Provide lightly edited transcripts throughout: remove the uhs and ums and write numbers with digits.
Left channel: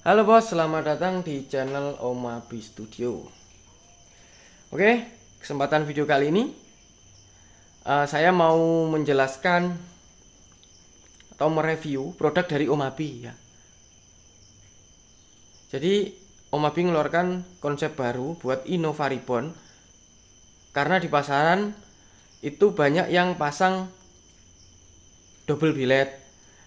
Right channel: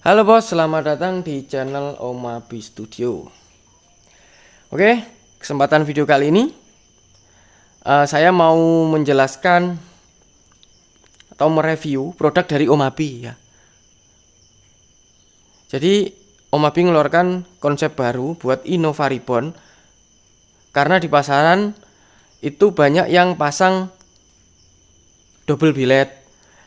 Halo bos, selamat datang di channel Omabi Studio. Oke, kesempatan video kali ini saya mau menjelaskan atau mereview produk dari Omabi ya. Jadi Omabi mengeluarkan konsep baru buat Innova Ribbon karena di pasaran itu banyak yang pasang double billet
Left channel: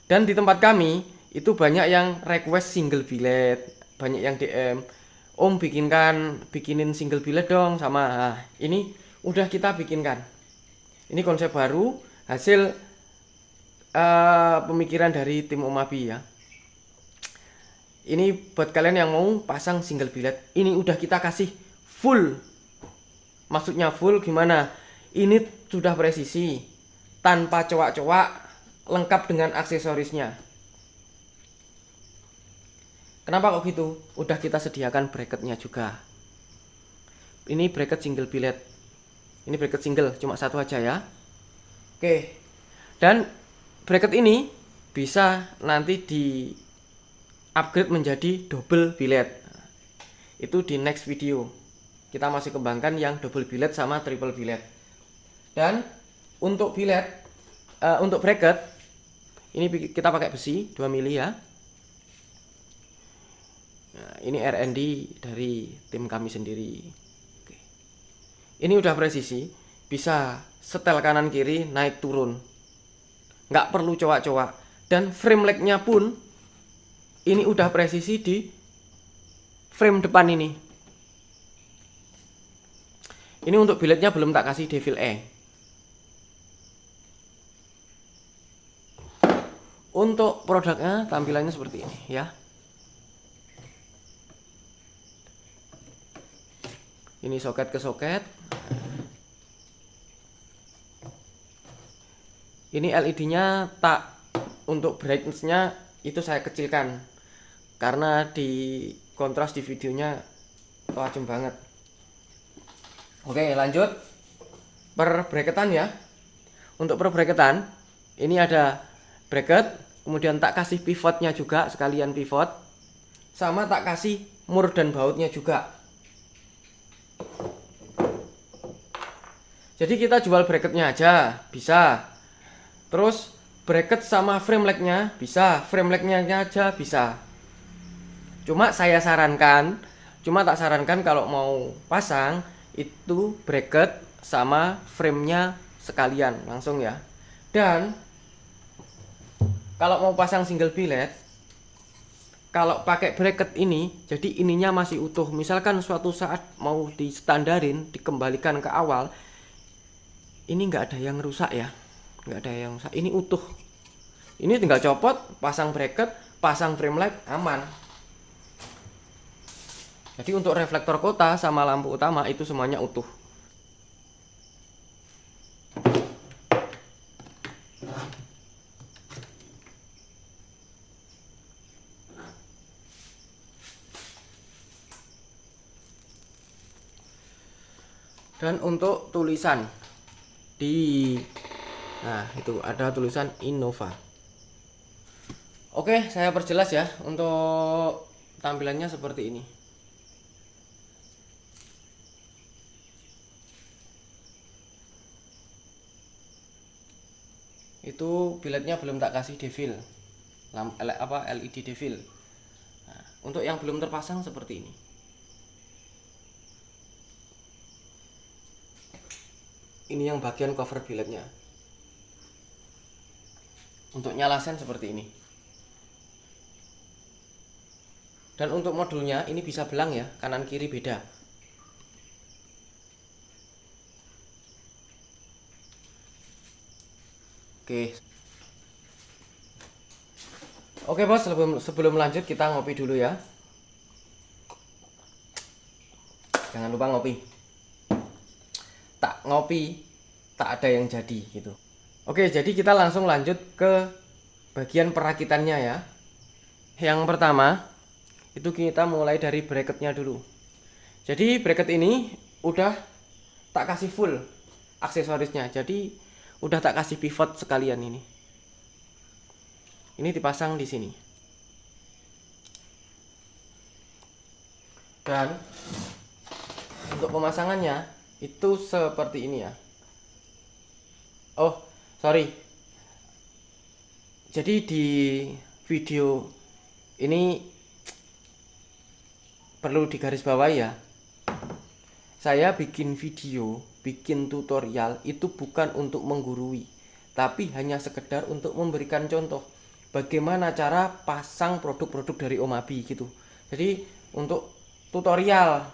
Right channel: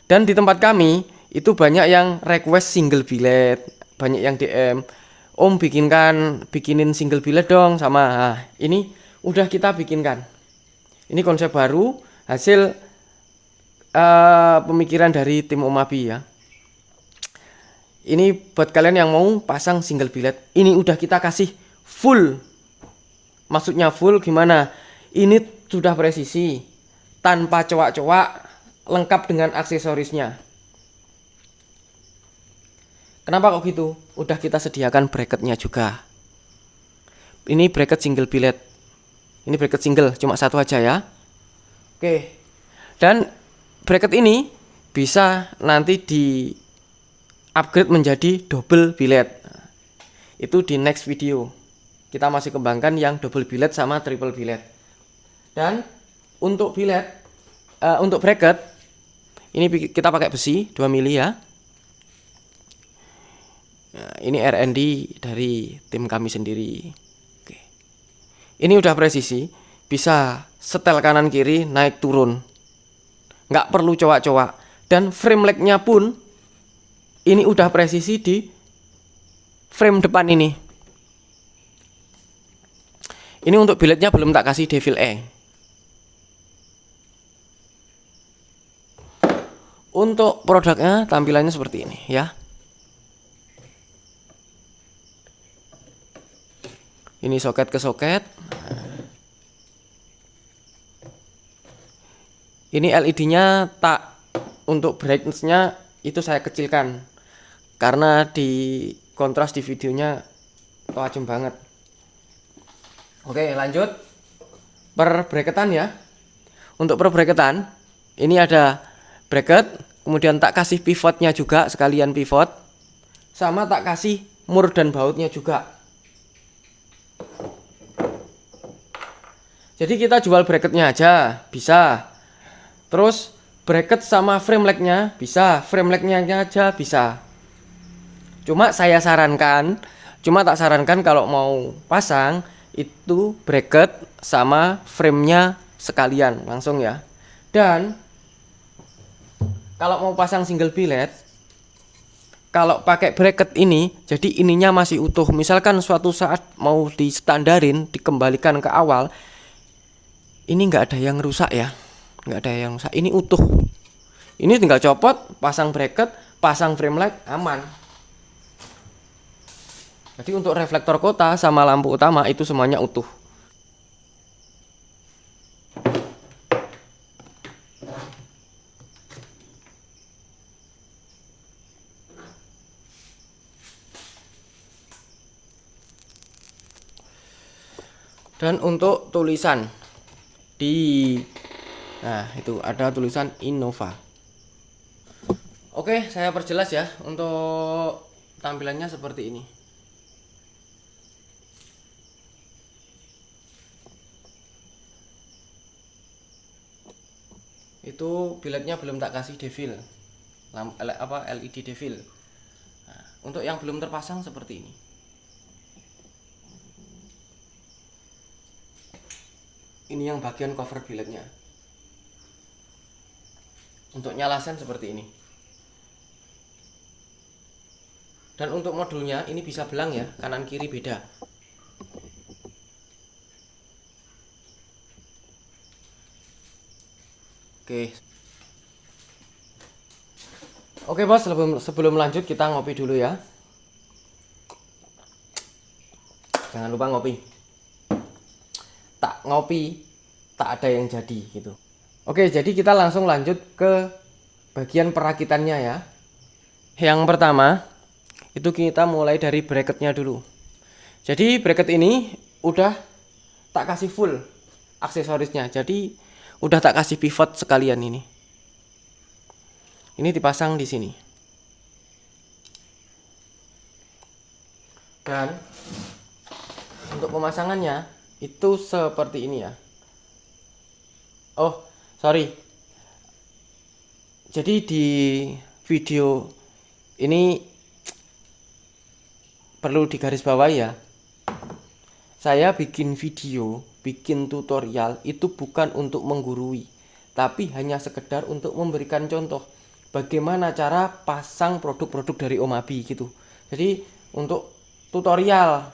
dan di tempat kami itu banyak yang request single billet, banyak yang DM, Om bikinin single billet dong sama. Nah, ini udah kita bikinkan. Ini konsep baru hasil pemikiran dari tim Omabi ya. Ini buat kalian yang mau pasang single billet, ini udah kita kasih full. Maksudnya full gimana? Ini sudah presisi, tanpa cowak-cowak, lengkap dengan aksesorisnya. Kenapa kok gitu? Udah kita sediakan bracketnya juga. Ini bracket single billet. Ini bracket single, cuma satu aja ya. Oke. Dan bracket ini bisa nanti di upgrade menjadi double billet. Itu di next video. Kita masih kembangkan yang double billet sama triple billet. Dan untuk billet, untuk bracket ini kita pakai besi 2 mili ya. Nah, ini R&D dari tim kami sendiri. Oke. Ini udah presisi, bisa setel kanan kiri naik turun, nggak perlu cowak-cowak. Dan frame legnya pun ini udah presisi di frame depan ini. Ini untuk billetnya belum tak kasih Devil E. Untuk produknya tampilannya seperti ini ya. Ini soket ke soket. Ini LED-nya tak, untuk brightness-nya itu saya kecilkan karena di kontras di videonya tajam banget. Oke, lanjut per bracketan ya. Untuk per bracketan ini ada bracket, kemudian tak kasih pivotnya juga, sekalian pivot, sama tak kasih mur dan bautnya juga. Jadi kita jual bracketnya aja bisa, terus bracket sama frame legnya bisa, frame legnya aja bisa. Cuma tak sarankan kalau mau pasang itu bracket sama framenya sekalian langsung ya. Dan kalau mau pasang single billet, kalau pakai bracket ini, jadi ininya masih utuh. Misalkan suatu saat mau di standarin, dikembalikan ke awal, ini nggak ada yang rusak ya, nggak ada yang rusak. Ini utuh. Ini tinggal copot, pasang bracket, pasang frame light, aman. Jadi untuk reflektor kota sama lampu utama itu semuanya utuh. Dan untuk tulisan nah itu ada tulisan Innova. Oke, saya perjelas ya. Untuk tampilannya seperti ini. Itu billetnya belum tak kasih devil, LED devil. Nah, untuk yang belum terpasang seperti ini. Ini yang bagian cover billetnya. Untuk nyala sen seperti ini. Dan untuk modulnya ini bisa belang ya, kanan kiri beda. Oke bos, sebelum lanjut kita ngopi dulu ya. Jangan lupa ngopi. Tak ngopi, tak ada yang jadi gitu. Oke, jadi kita langsung lanjut ke bagian perakitannya ya. Yang pertama, itu kita mulai dari bracketnya dulu. Jadi bracket ini udah tak kasih full aksesorisnya. Jadi udah tak kasih pivot sekalian ini. Ini dipasang di sini. Dan untuk pemasangannya itu seperti ini ya. Oh, sorry. Jadi di video ini perlu digarisbawahi ya. Saya bikin video, bikin tutorial itu bukan untuk menggurui, tapi hanya sekedar untuk memberikan contoh bagaimana cara pasang produk-produk dari Om Abi gitu. Jadi untuk tutorial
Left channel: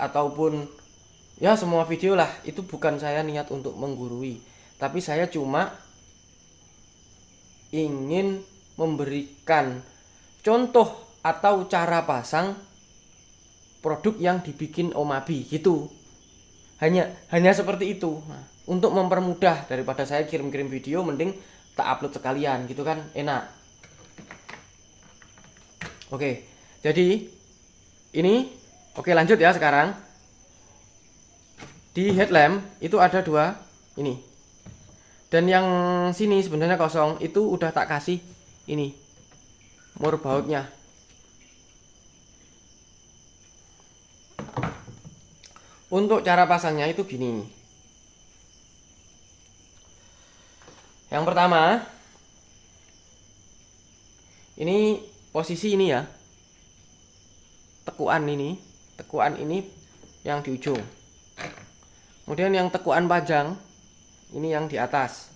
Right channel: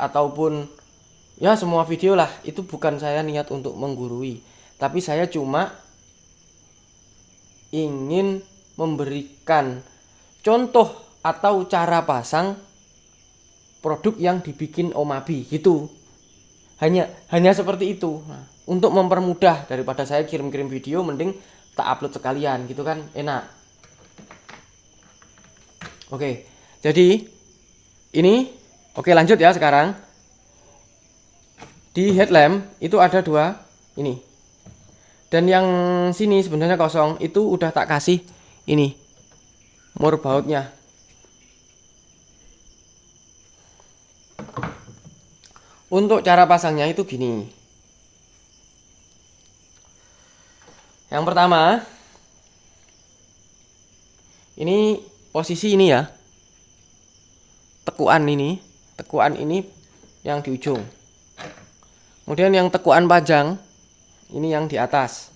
ataupun ya semua video lah, itu bukan saya niat untuk menggurui, tapi saya cuma ingin memberikan contoh atau cara pasang produk yang dibikin Om Abi gitu. Hanya seperti itu. Nah, untuk mempermudah daripada saya kirim-kirim video, mending tak upload sekalian gitu kan, enak. Oke, jadi ini oke, lanjut ya. Sekarang di headlamp itu ada dua ini, dan yang sini sebenarnya kosong, itu udah tak kasih ini mur bautnya. Untuk cara pasangnya itu gini. Yang pertama, ini posisi ini ya. Tekuan ini yang di ujung. Kemudian yang tekuan panjang ini yang di atas.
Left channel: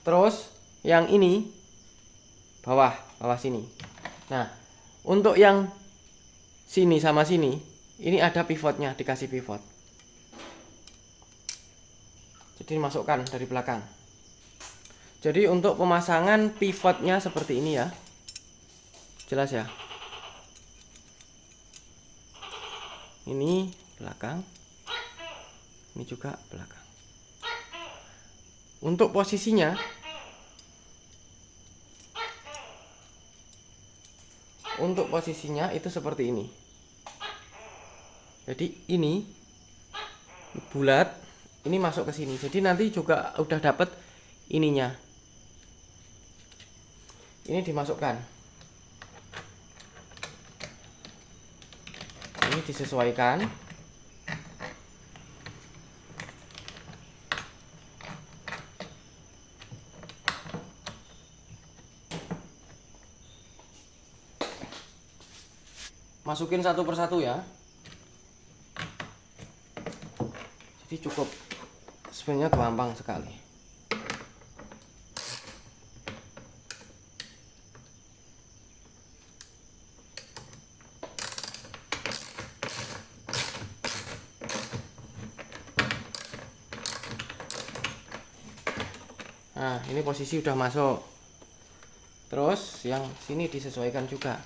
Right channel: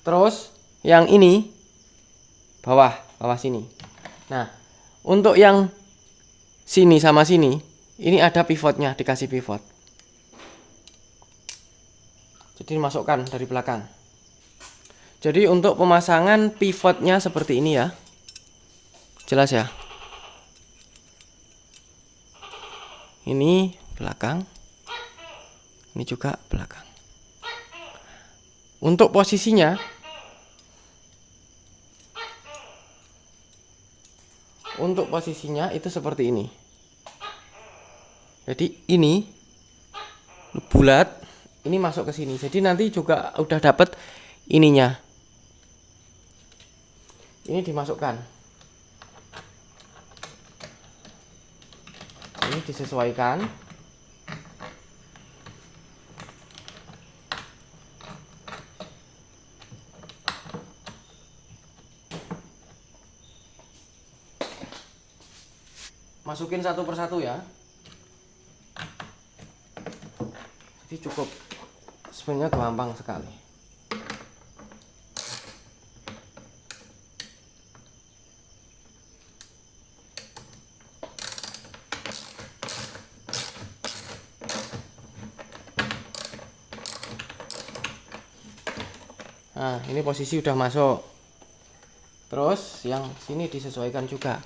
Terus yang ini bawah sini. Nah, untuk yang sini sama sini ini ada pivotnya, dikasih pivot. Jadi dimasukkan dari belakang. Jadi untuk pemasangan pivotnya seperti ini ya. Jelas ya. Ini belakang. Ini juga belakang. Untuk posisinya itu seperti ini. Jadi ini bulat, ini masuk ke sini. Jadi nanti juga udah dapet ininya. Ini dimasukkan. Ini disesuaikan. Masukin satu persatu ya. Jadi cukup, sebenarnya gampang sekali. Nah, ini posisi udah masuk. Terus yang sini disesuaikan juga.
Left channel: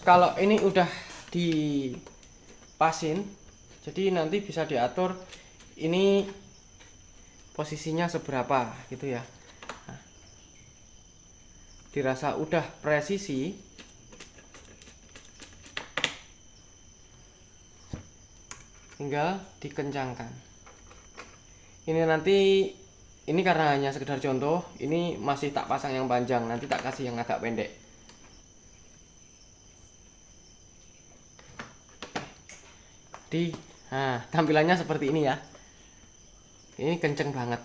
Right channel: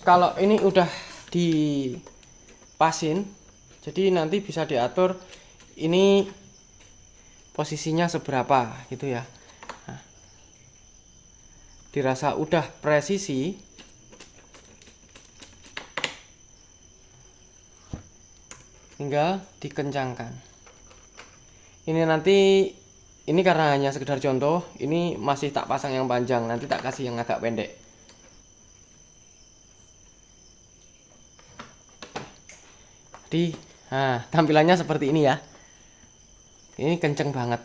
Kalau ini udah dipasin, jadi nanti bisa diatur ini posisinya seberapa gitu ya. Nah, dirasa udah presisi, tinggal dikencangkan. Ini nanti, ini karena hanya sekedar contoh, ini masih tak pasang yang panjang, nanti tak kasih yang agak pendek. Nah, tampilannya seperti ini ya. Ini kenceng banget.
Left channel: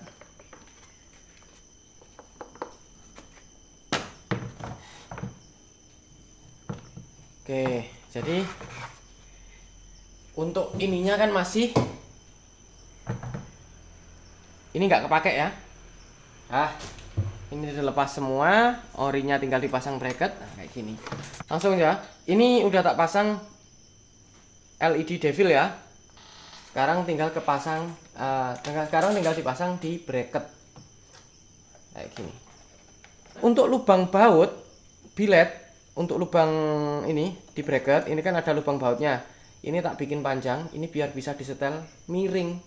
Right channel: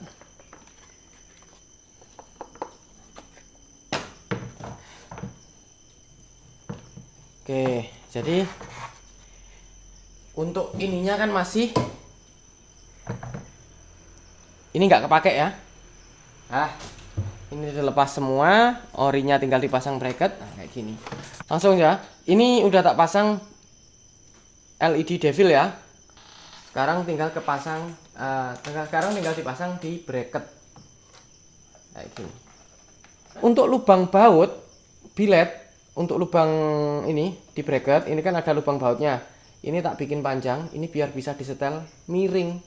Oke, jadi untuk ininya kan masih ini nggak kepake ya. Ini udah lepas semua, orinya tinggal dipasang bracket. Nah, kayak gini. Langsung ya. Ini udah tak pasang LED devil ya. Sekarang tinggal dipasang di bracket kayak gini. Untuk lubang baut bilet, untuk lubang ini di bracket ini kan ada lubang bautnya. Ini tak bikin panjang, ini biar bisa disetel miring,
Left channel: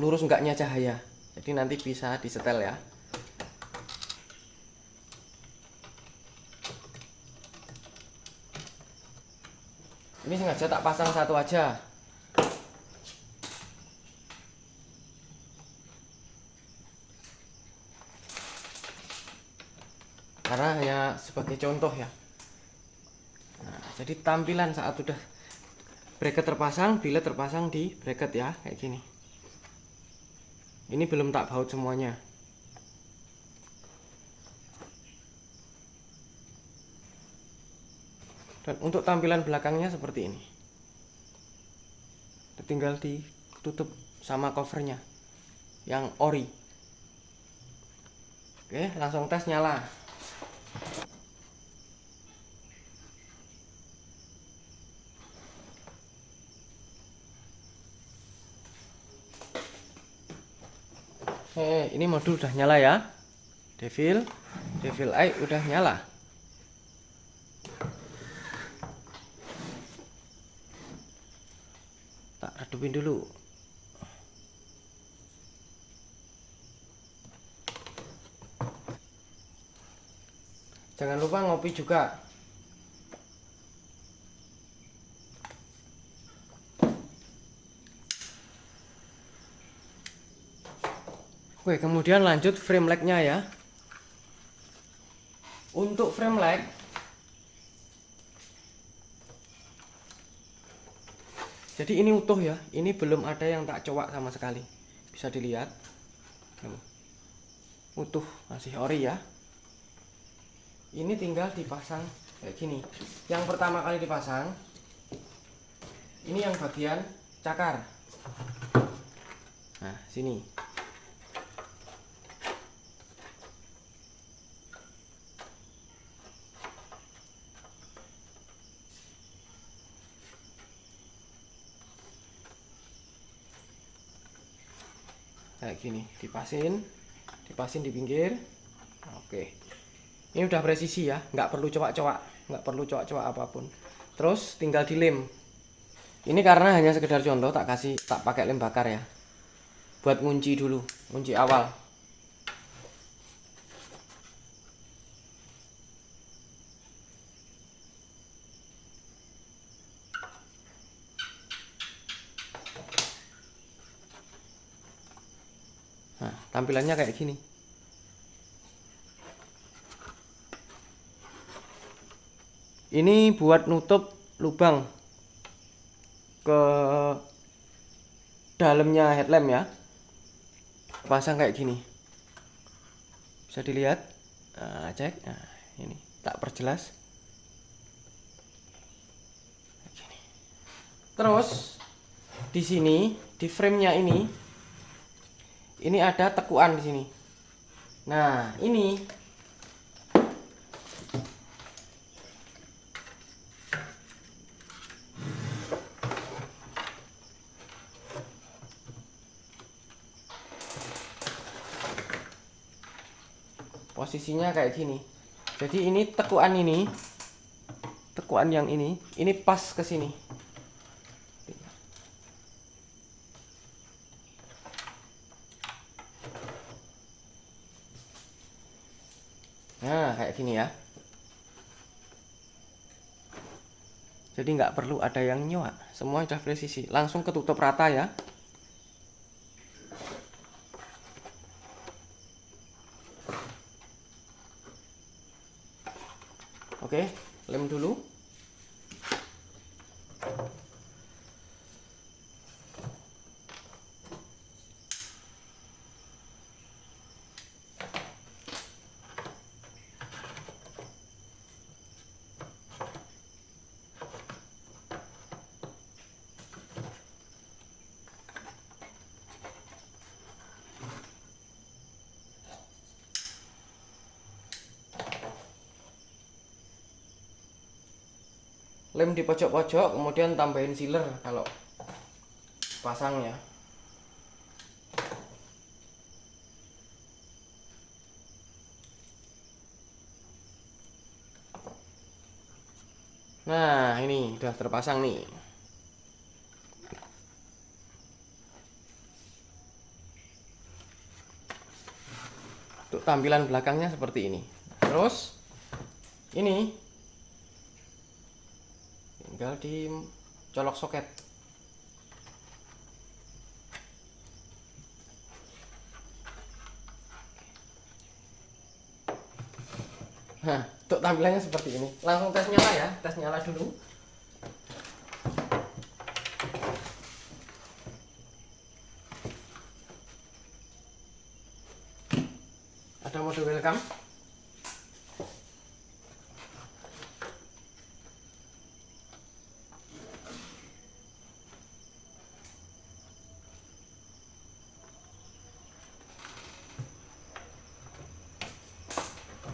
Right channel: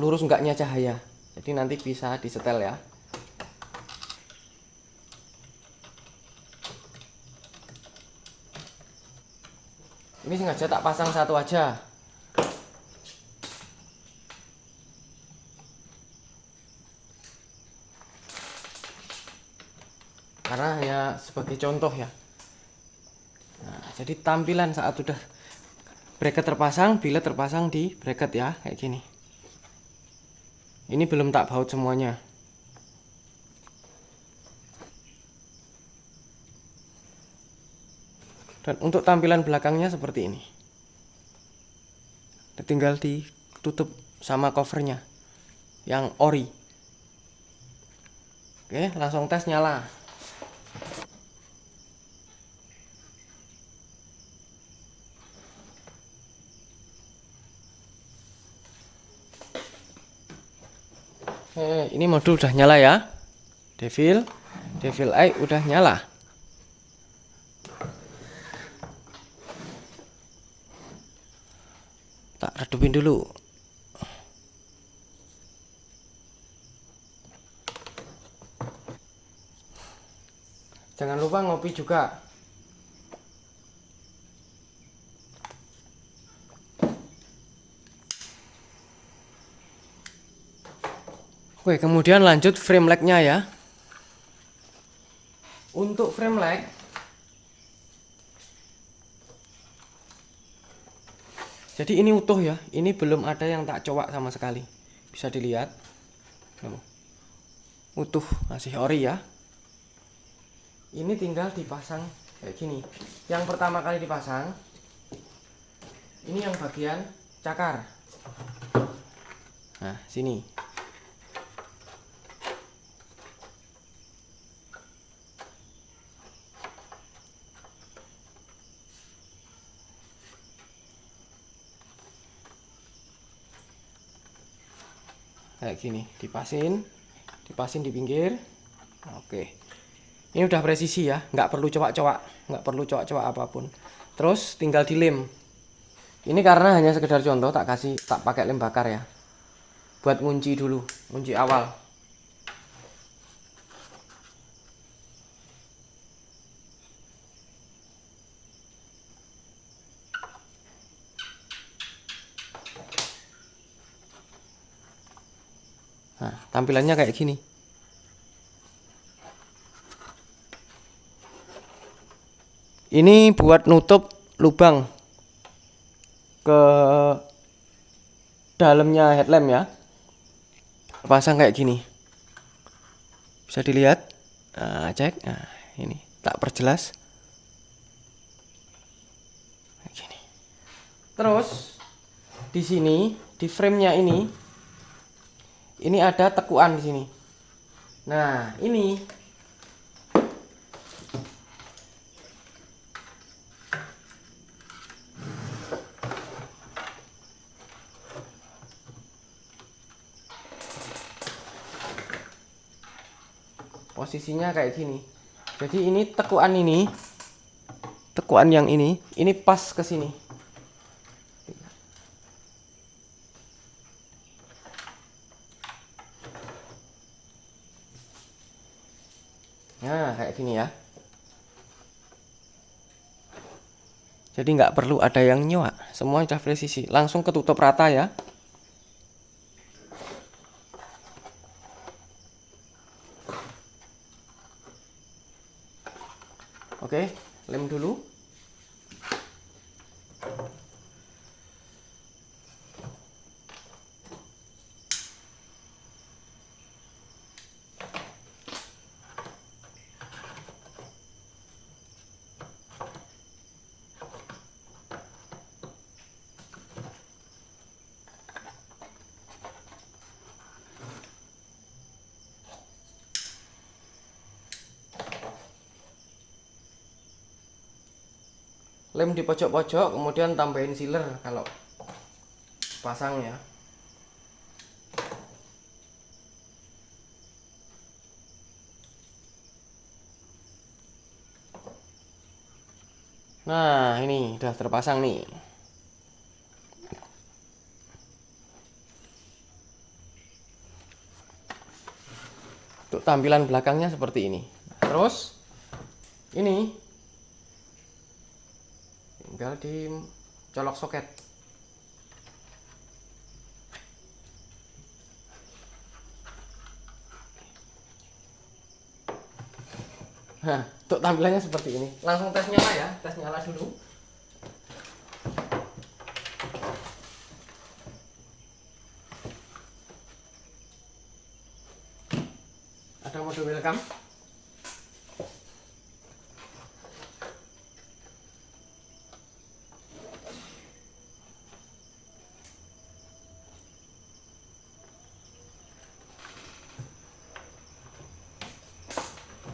lurus enggaknya cahaya. Jadi nanti bisa disetel ya. Ini sengaja tak pasang satu aja. Karena hanya sebagai contoh ya. Nah, jadi tampilan saat sudah bracket terpasang, biled terpasang di bracket ya, kayak gini. Ini belum tak baut semuanya. Dan untuk tampilan belakangnya seperti ini. Tinggal ditutup sama covernya yang ori. Oke, langsung tes nyala. Ini modul udah nyala ya. Devil Eye udah nyala. Tak redupin dulu. Jangan lupa ngopi juga. Oke, kemudian lanjut frame leg-nya ya. Untuk frame leg, jadi ini utuh ya. Ini belum ada yang tak cowak sama sekali. Bisa dilihat. Utuh, masih ori ya. Ini tinggal dipasang kayak gini. Yang pertama kali dipasang, ini yang bagian cakar. Nah, sini. Kayak gini, dipasin di pinggir. Oke, ini udah presisi ya, nggak perlu cowak-cowak apapun. Terus tinggal dilem. Ini karena hanya sekedar contoh, tak pakai lem bakar ya, buat ngunci dulu, ngunci awal. Nah, tampilannya kayak gini. Ini buat nutup lubang ke dalamnya headlamp ya. Pasang kayak gini. Bisa dilihat. Nah, cek. Nah, ini tak perjelas. Kayak gini. Terus di sini, di frame-nya ini ada tekuan di sini. Nah, ini posisinya kayak gini. Jadi ini tekuan yang ini pas ke sini. Nah, kayak gini ya. Jadi nggak perlu ada yang nyoak, semua sudah presisi, langsung ketutup rata ya. Oke, lem dulu. Lem di pojok-pojok, kemudian tambahin sealer kalau pasang ya. Nah, ini udah terpasang nih. Untuk tampilan belakangnya seperti ini. Terus ini tinggal dicolok soket. Nah, untuk tampilannya seperti ini. Langsung tes nyala ya, tes nyala dulu. Ada mode welcome.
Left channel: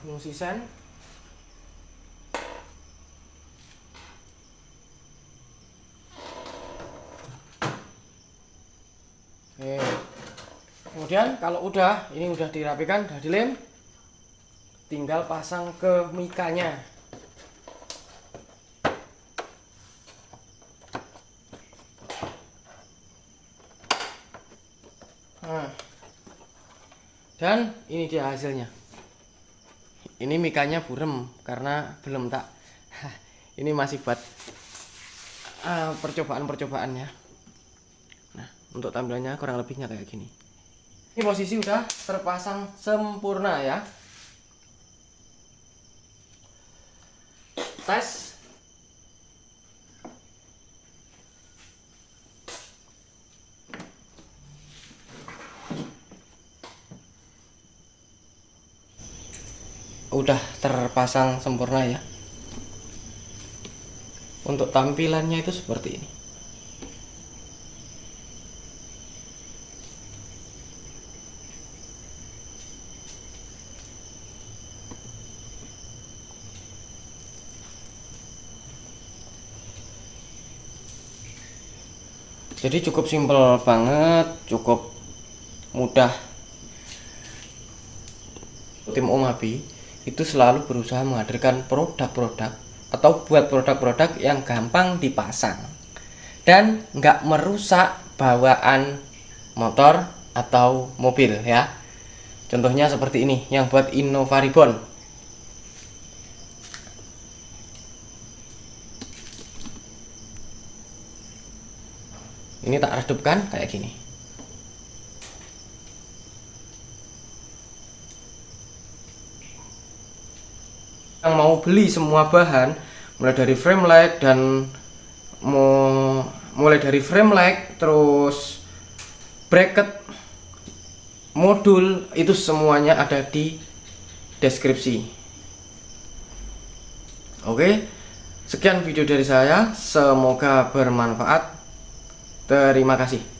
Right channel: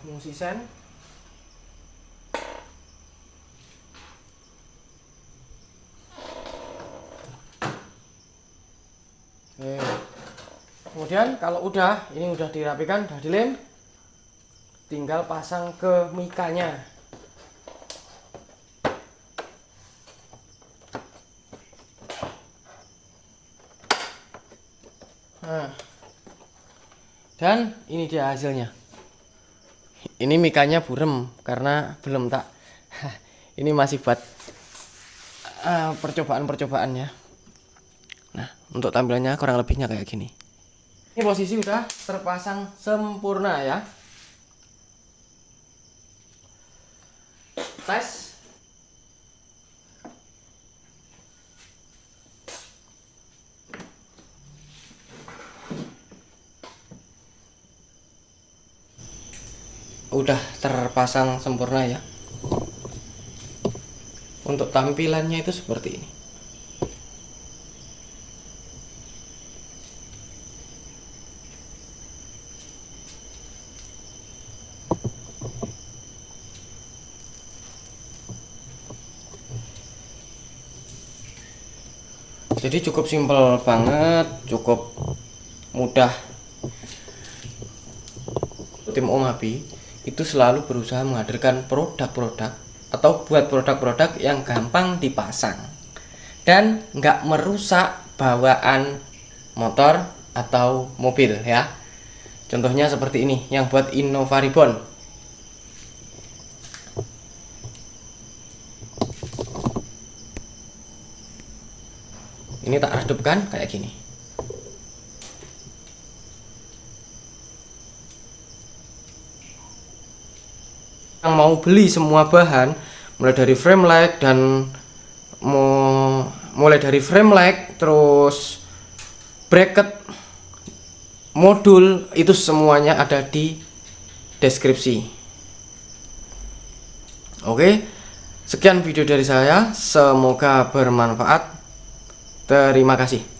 Fungsi sen. Oke. Kemudian kalau ini udah dirapikan, udah dilem, tinggal pasang ke mikanya. Nah, dan ini dia hasilnya. Ini mikanya burem karena belum tak ini masih buat percobaan-percobaannya. Nah, untuk tampilannya kurang lebihnya kayak gini. Ini posisi udah terpasang sempurna ya. Tes. Udah terpasang sempurna ya. Untuk tampilannya itu seperti ini. Jadi cukup simpel banget, cukup mudah. Tim Om Habi itu selalu berusaha menghadirkan produk-produk atau buat produk-produk yang gampang dipasang dan nggak merusak bawaan motor atau mobil ya. Contohnya seperti ini yang buat Innova Ribbon. Ini tak redupkan kayak gini. Yang mau beli semua bahan, mulai dari frame light terus bracket, modul, itu semuanya ada di deskripsi. Oke, sekian video dari saya, semoga bermanfaat. Terima kasih.